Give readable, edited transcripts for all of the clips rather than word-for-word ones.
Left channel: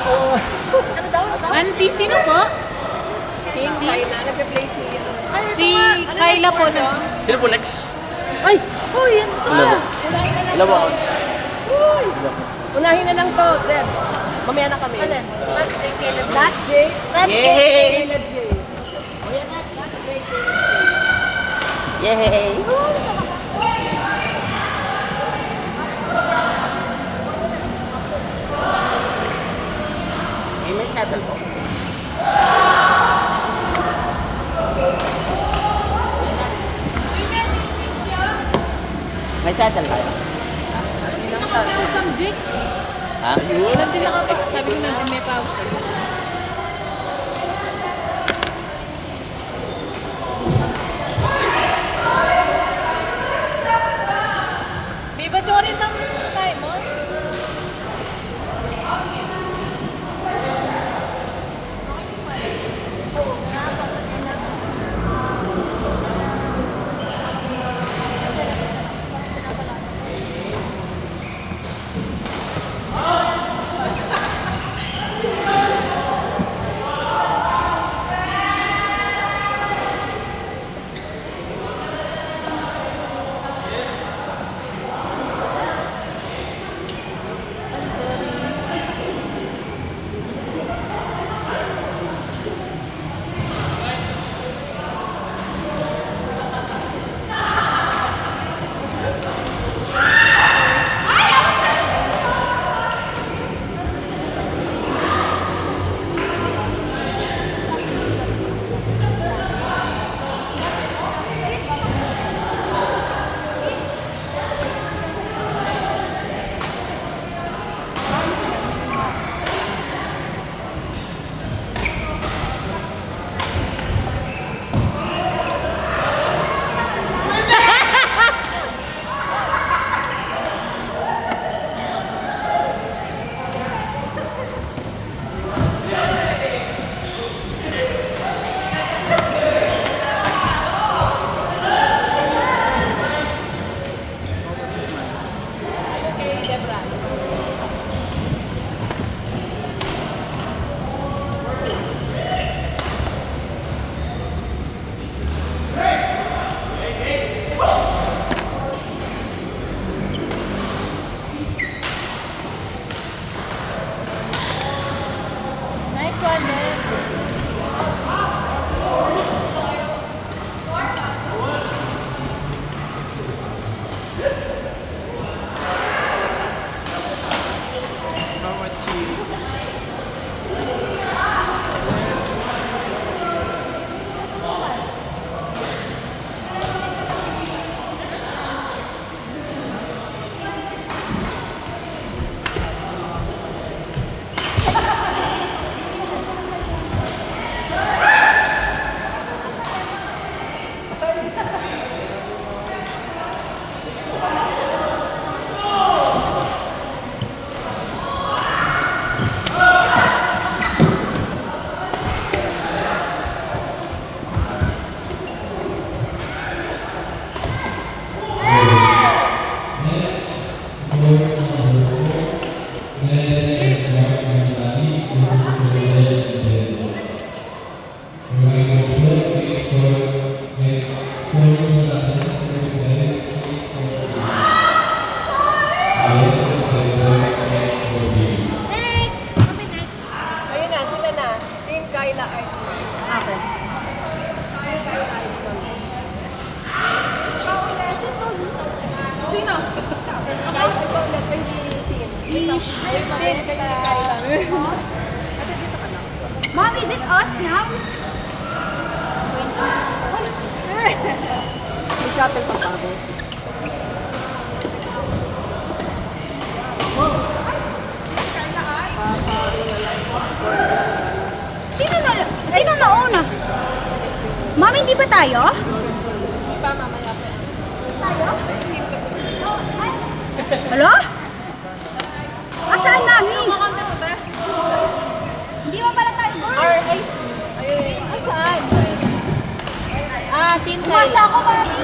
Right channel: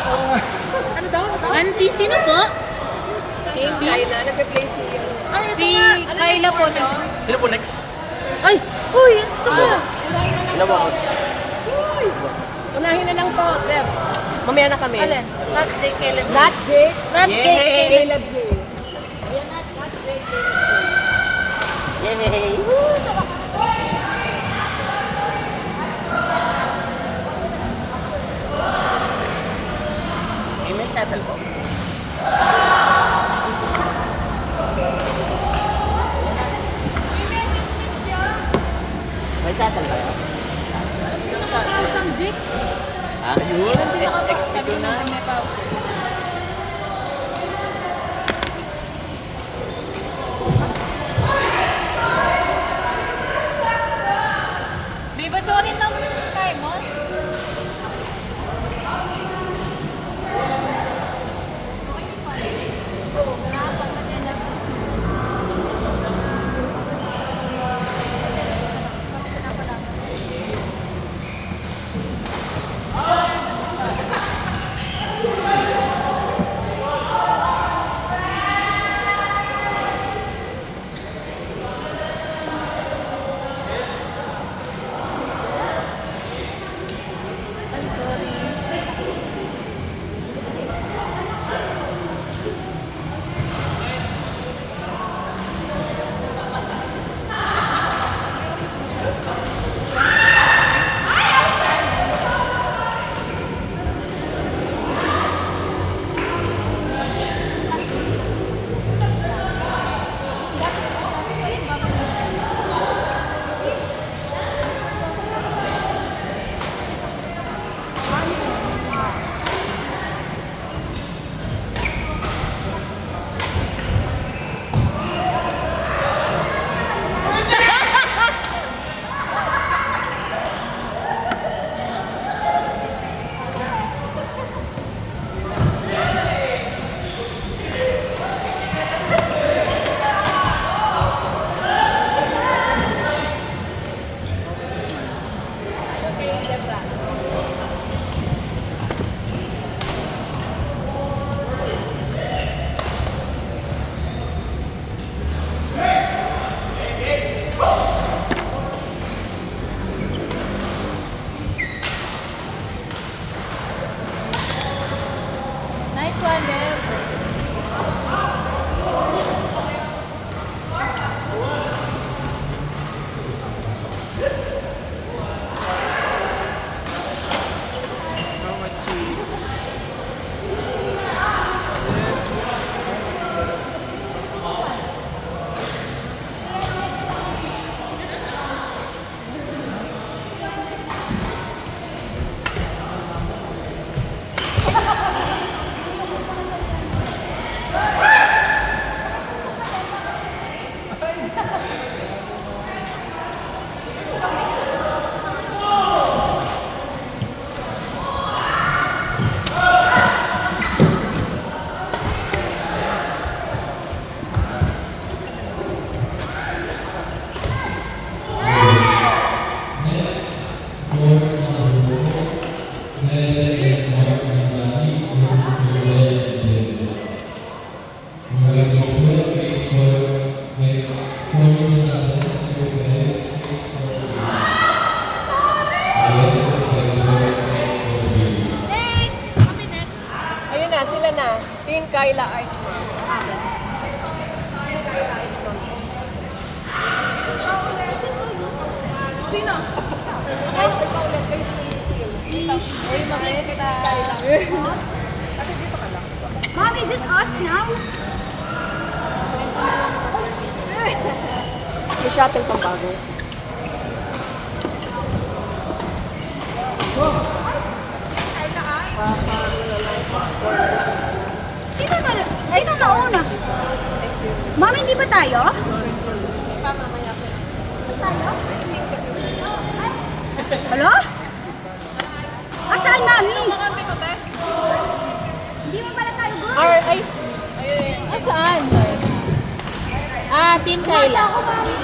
Ano daw? Auntie, sino po? Team Kayla. Nagpe-play si... Si Kayla po. Sino po next? Ay! Uy, yan to! Unahin na lang to. Uy! Unahin na lang to, Deb. Mamaya na kami. Alin? Not Jake, Caleb. Not Jake. Not Yay! Jake. Caleb J. O yan, not Jake. Caleb J. Yay! May shuttle po. May shuttle ba? Pinaka-pausang Jake. Ha? Ayun. Sabi ko na may pausa. Biba Jory ng time mo? Okay, Debra. Nice one, man. Next! Kami next. Ayun na, sila na. Team Kayla Archie. Okay. Team Kayla Archie. Sino? Ay, ikaw na kayo team. Ayun na, ayun na Kayla. Mom, is it us now? May shuttle pang bago. Sino na una? Mom, hindi ba tayo? Hello? Asaan, Mami? Hindi mo pala tayo doon? Ay, saan? Team Umasa Kayla. ako, Mami.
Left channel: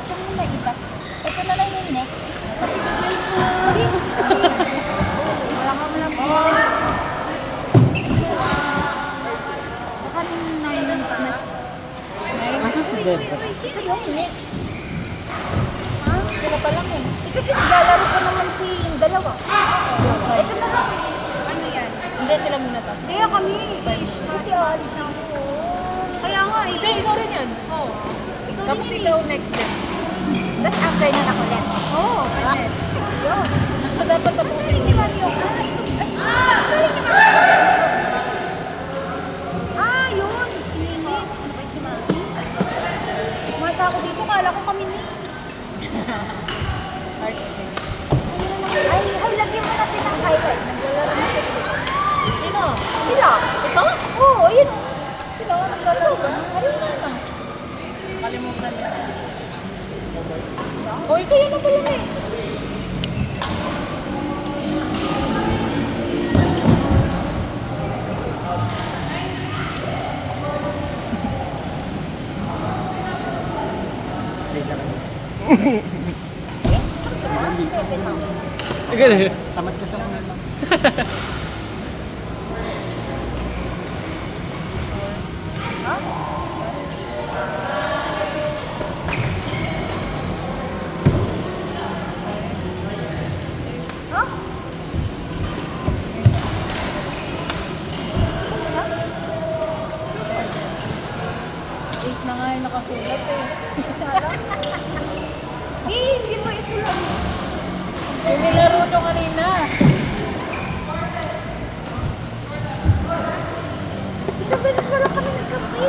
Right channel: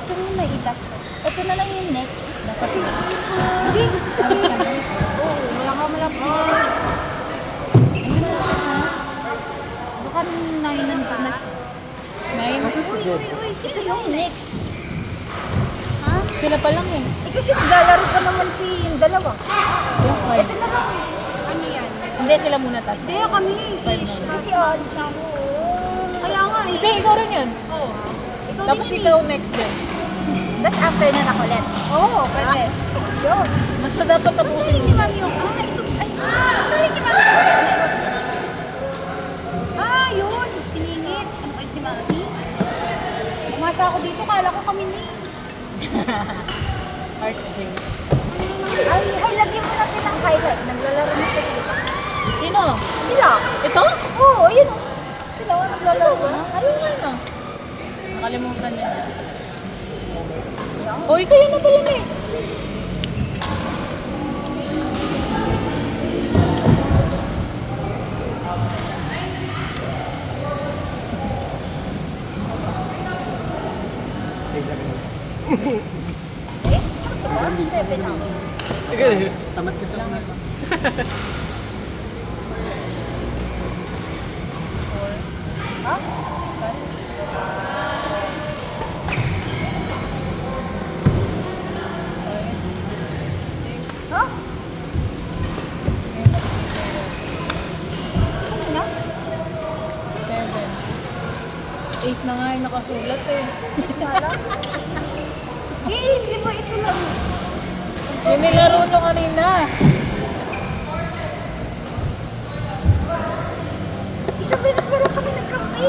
Ito yung naitas. Ito na lang yung next. Kasi, hindi. Baka nailan pa na siya. Uy, ito yung next. Ha? Sila pa lang eh. Eh kasi naglalaro pa naman si yung dalawa. Ito na lang. Ano yan? Hindi, sila muna taas. Kaya kami. Kasi aalis na ako. Kaya nga eh. Hindi, ikaw rin yun. Ikaw Tapos din ikaw next din. Tapos after na ako ulit. Oo, pwede. Yun. Basta dapat tapusin Hindi mo. man yung galing ka na yun. Siningit. Si Mami. Umasa ako dito. Kala ko kami ni. Ay, lagyan mo natin ang highlight. Naglalaro na sila. Sino? Sila. Ito? Oo, ayun o. Sila, naglalaro ba? Ano na? Kalimutan na. Uy, kayo na pala na eh. Tamad ka sa mga. Eight na nga yung nakasulat eh. Hindi pa ito lang. Yung nilaro ko kanina. Isang beses wala kami nagkape.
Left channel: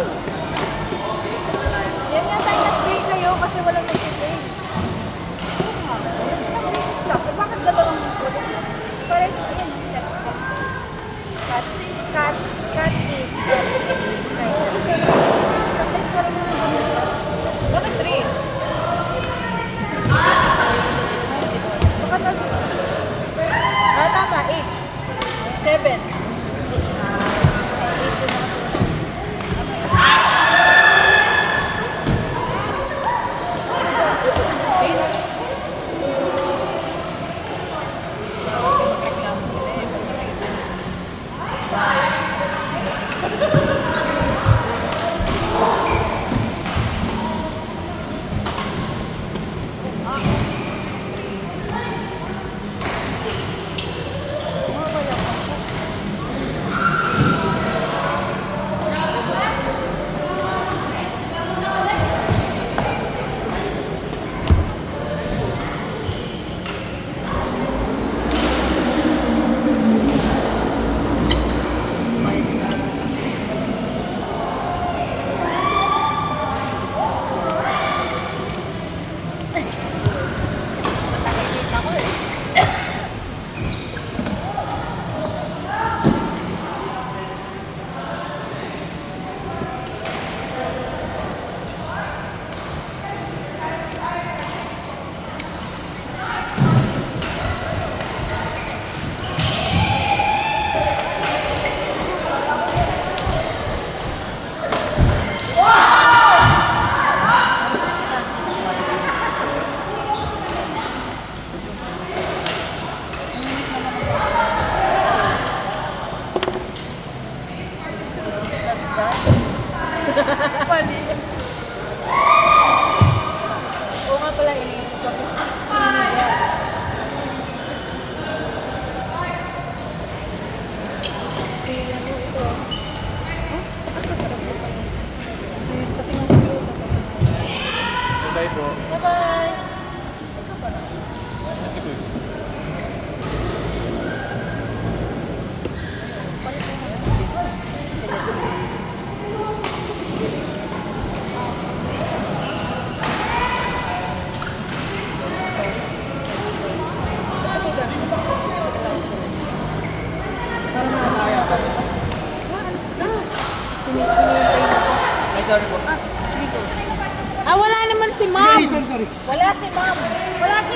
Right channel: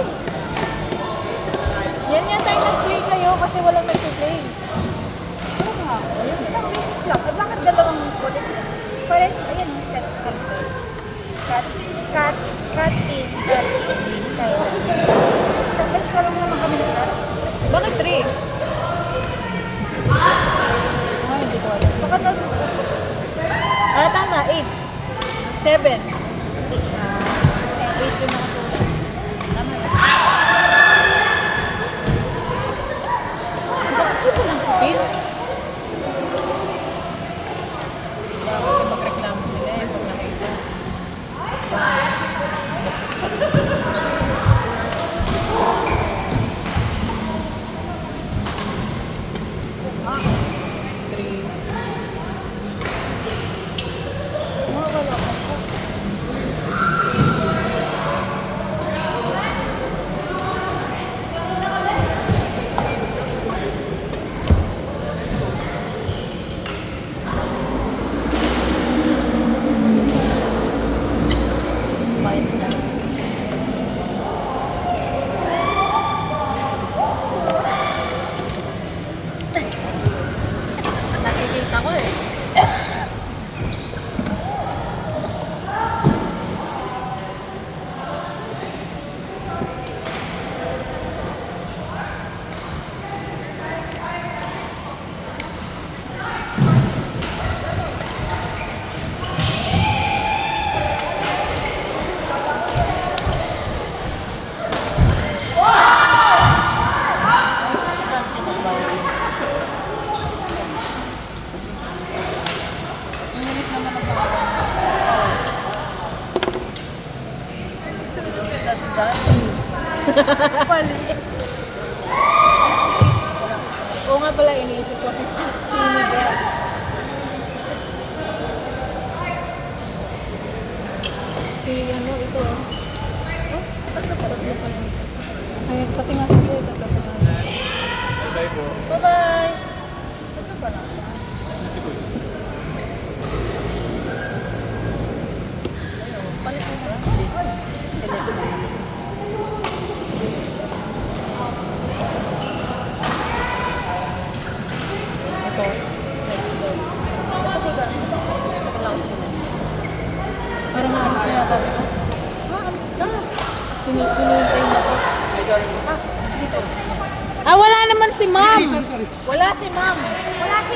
Yan yan tayo nag-play kayo kasi walang nag-play. Isang beses lang. Bakit dalawang ulit? Parang ayan, set up. Cut, in. Isang beses wala naman kami. Bakit three? Baka na, Ah, tama. 8. 7. Oo nga pala, iniisip ko si Sunod. Si ano ito. Ay, pati nga sa Bye po. Bye-bye! hinihintay mo. Ay, sorry po. Ah, sige po. Ah, wala naman si ma'am. Sorry. Wala si ma'am. Wala si